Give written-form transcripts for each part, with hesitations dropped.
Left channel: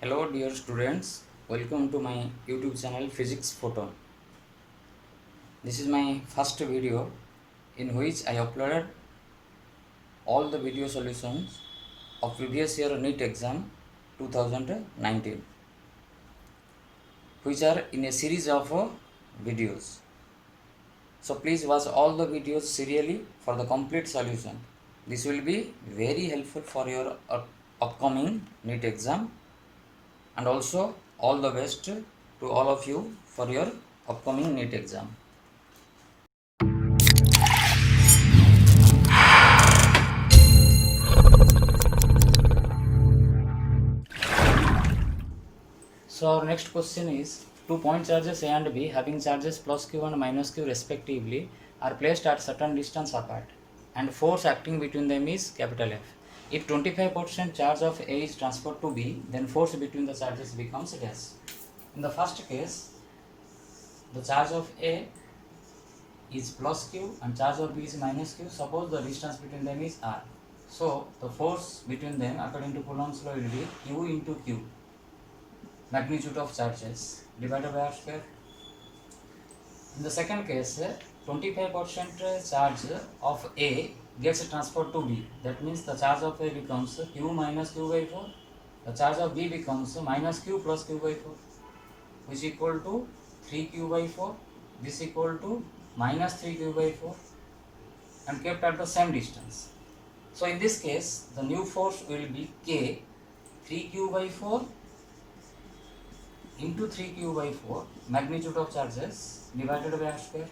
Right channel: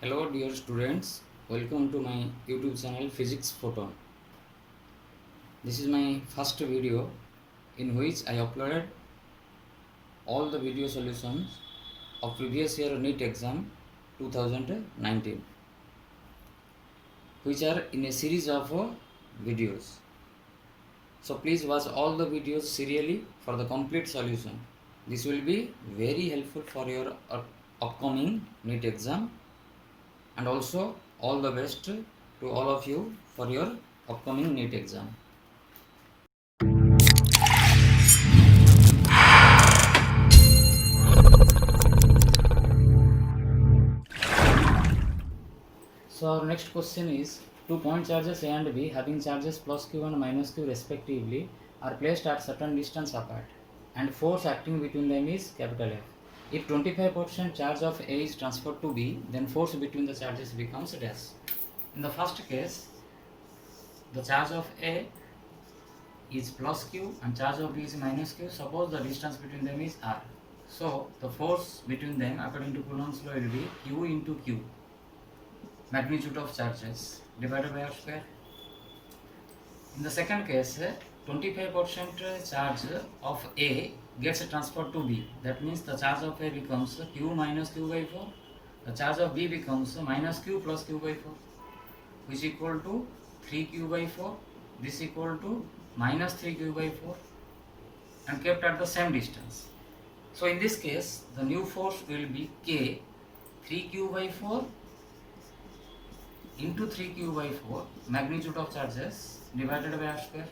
Hello dear students, welcome to my YouTube channel Physics Photon. This is my first video in which I uploaded all the video solutions of previous year NEET exam 2019, which are in a series of videos. So please watch all the videos serially for the complete solution. This will be very helpful for your upcoming NEET exam, and also all the best to all of you for your upcoming NEET exam. So our next question is, two point charges A and B having charges plus Q and minus Q respectively are placed at certain distance apart, and force acting between them is capital F. If 25% charge of A is transferred to B, then force between the charges becomes dash. In the first case, the charge of A is plus Q and charge of B is minus Q. Suppose the distance between them is R. So the force between them according to Coulomb's law will be Q into Q, magnitude of charges, divided by R square. In the second case, 25% charge of A gets transferred to B. That means the charge of A becomes Q minus Q by 4. The charge of B becomes minus Q plus Q by 4, which is equal to 3Q by 4. This equal to minus 3Q by 4, and kept at the same distance. So in this case, the new force will be K 3Q by 4 into 3Q by 4, magnitude of charges, divided by R square.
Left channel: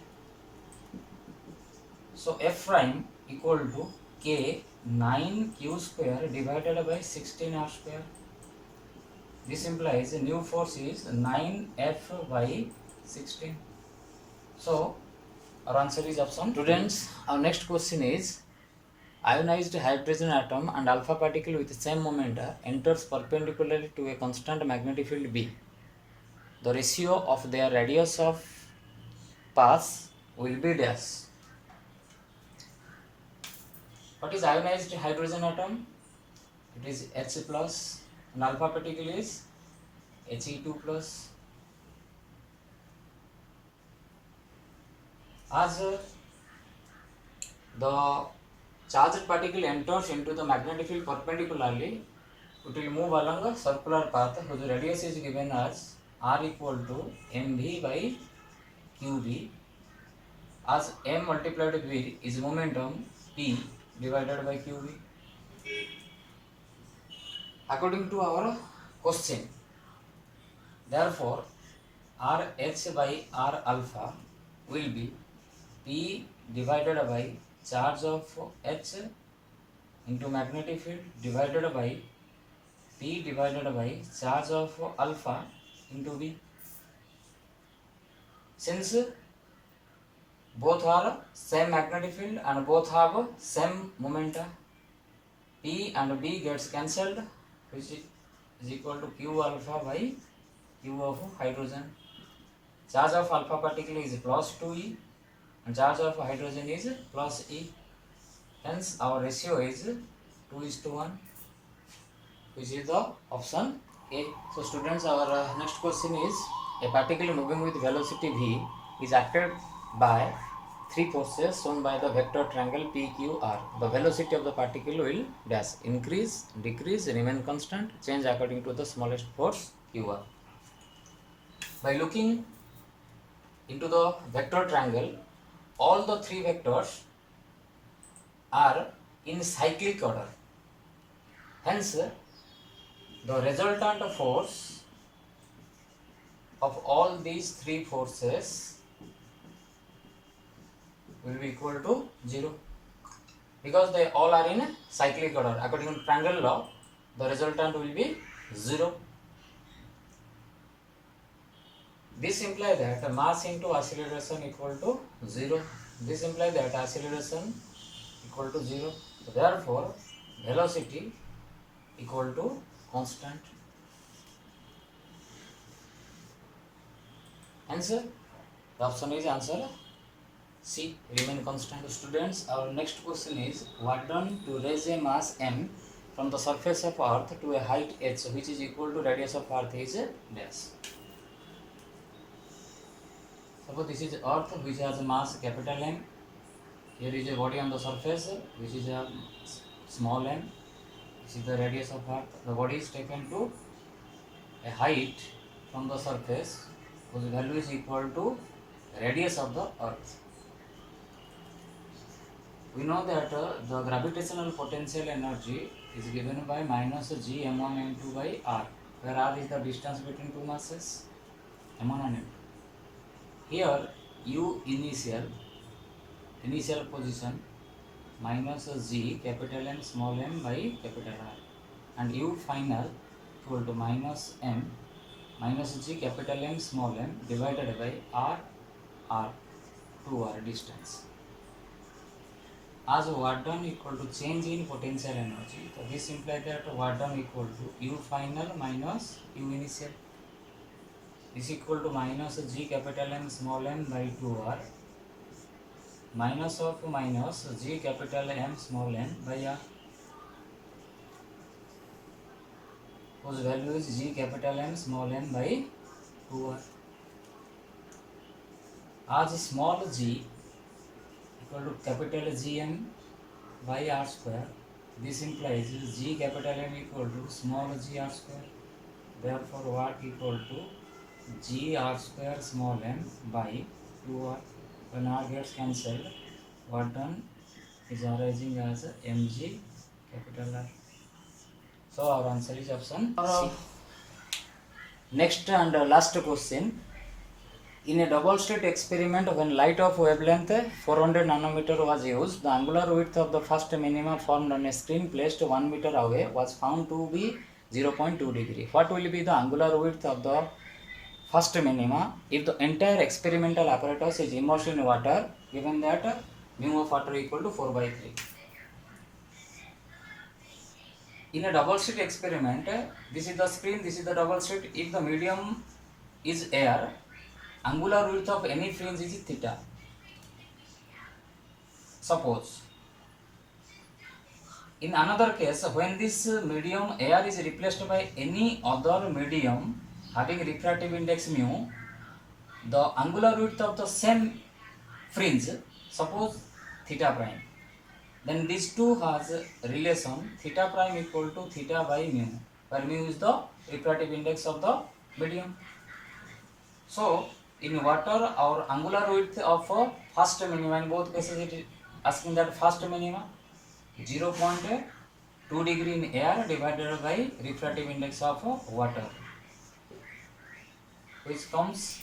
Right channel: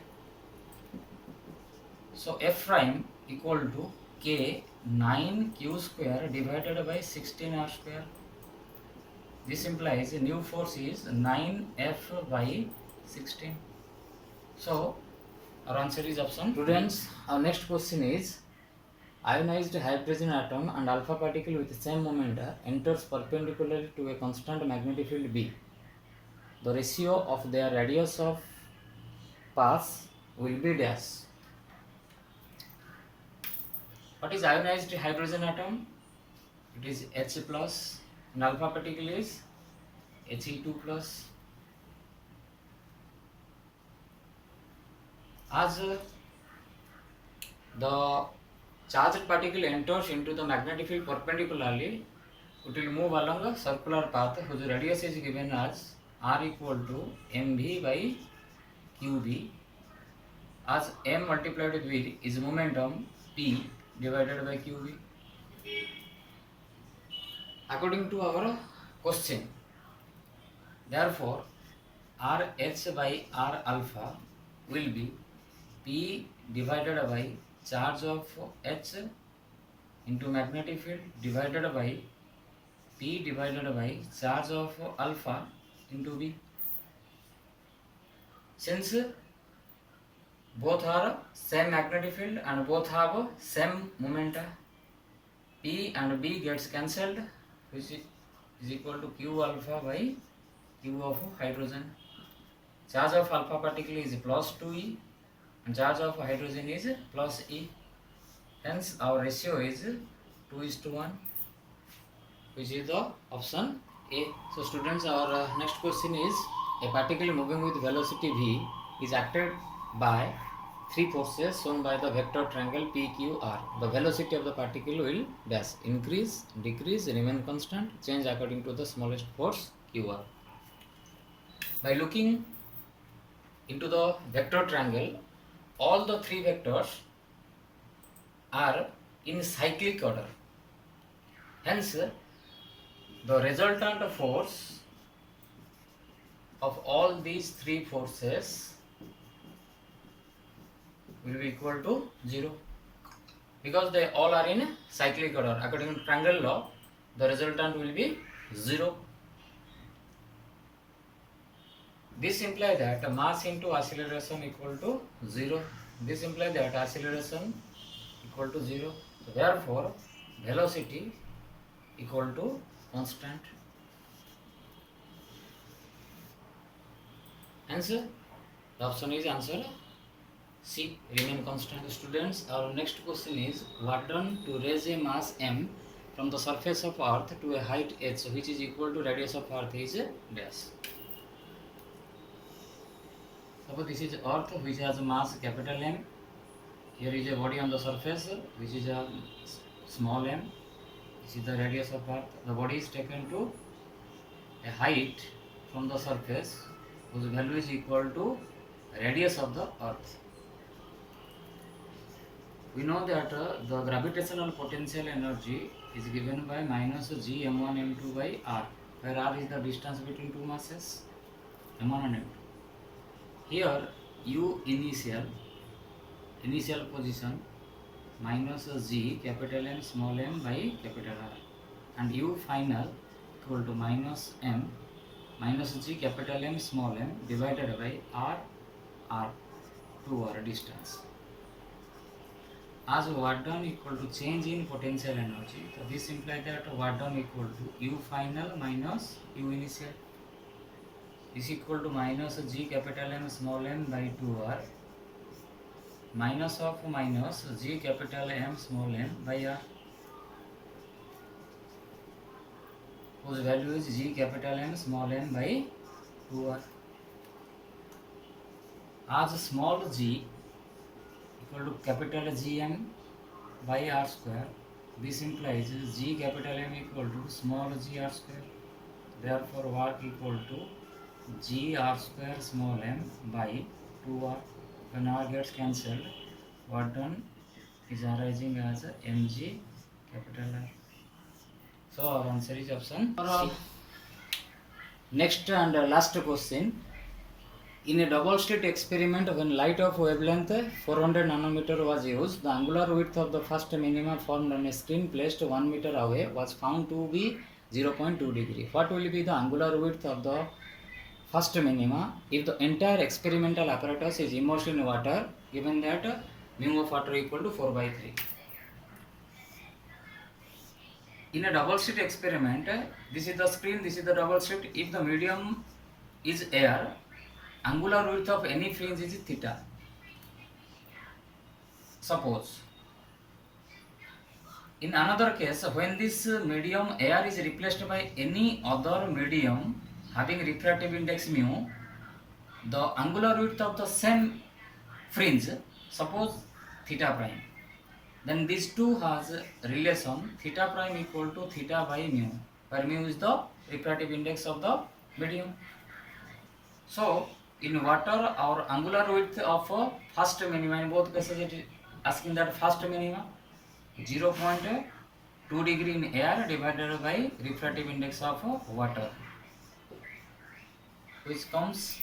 So F prime equal to K 9Q square divided by 16R square. This implies a new force is 9F by 16. So our answer is option. Students, our next question is, ionized hydrogen atom and alpha particle with the same moment enters perpendicularly to a constant magnetic field B. The ratio of their radius of pass will be dash. What is ionized hydrogen atom? It is H plus, and alpha particle is He2 plus. As the charged particle enters into the magnetic field perpendicularly, it will move along a circular path whose radius is given as R equal to mv by qb, as m multiplied with v is momentum p divided by qb. According to our question, therefore RH by R alpha will be P divided by charge of H into magnetic field divided by P divided by charge of alpha into B. Since both are same magnetic field and both have same momenta, P and B gets cancelled, which is equal to Q alpha by Q of hydrogen. Charge of alpha particle is plus 2E and charge of hydrogen is plus E. Hence our ratio is 2:1, which is the option A. So students, our next question is, a particle moving with velocity v is acted by three forces shown by the vector triangle PQR. The velocity of the particle will dash, increase, decrease, remain constant, change according to the smallest force QR. By looking into the vector triangle, all the three vectors are in cyclic order. Hence, the resultant force of all these three forces will be equal to 0, because they all are in cyclic order. According to triangle law, the resultant will be 0. This implies that mass into acceleration equal to 0. This implies that acceleration equal to 0. Therefore, velocity equal to constant. Answer? The option is answer C, remain constant. Students, our next question is, what done to raise a mass m from the surface of earth to a height h which is equal to radius of earth is dash. Suppose this is earth which has a mass capital M. Here is a body on the surface which is a small m. This is the radius of earth. The body is taken to a height from the surface whose value is equal to radius of the earth. We know that the gravitational potential energy is given by minus g m1 m2 by r, where r is the distance between two masses m1 and m2. Here u initial position minus g capital M small m by capital R, and u final equal to minus m minus g capital M small m divided by r 2r distance. As work done equal to change in potential energy, so this implies that work done equal to u final minus u initial. Is equal to minus g capital M small m by 2r minus of minus g capital M small m by r, whose value is g capital M small m by 2r. As small g equal to capital Gm by r square, this implies g capital M equal to small g r square. Therefore work equal to g r square small m by 2r. When r gets cancelled, work done is arising as mg capital R. So our answer is option C. Next and last question. In a double slit experiment, when light of wavelength 400 nanometer was used, the angular width of the first minima formed on a screen placed 1 meter away was found to be 0.2 degree. What will be the angular width of the first minima if the entire experimental apparatus is immersed in water, given that mu of water equal to 4 by 3? In a double slit experiment, this is the screen, this is the double slit. If the medium is air, angular width of any fringe is theta. Suppose in another case, when this medium air is replaced by any other medium having refractive index mu, the angular width of the same fringe, suppose theta prime, then these two has relation theta prime equal to theta by mu, where mu is the refractive index of the medium. So in water, our angular width of first minima, in both cases it is asking that first minima 0.2 degree in air divided by refractive index of water, which comes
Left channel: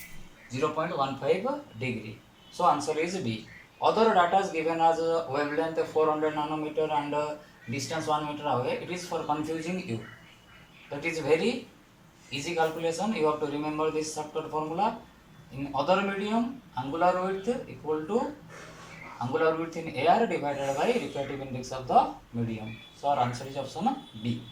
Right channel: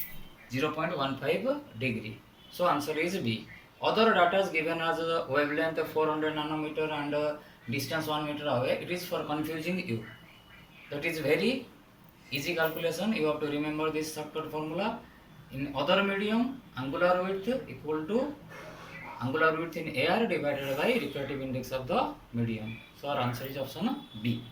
0.15 degree. So answer is B. Other data is given as wavelength 400 nanometer and distance 1 meter away. It is for confusing you. That is very easy calculation. You have to remember this shortcut formula. In other medium, angular width equal to angular width in air divided by refractive index of the medium. So our answer is option B.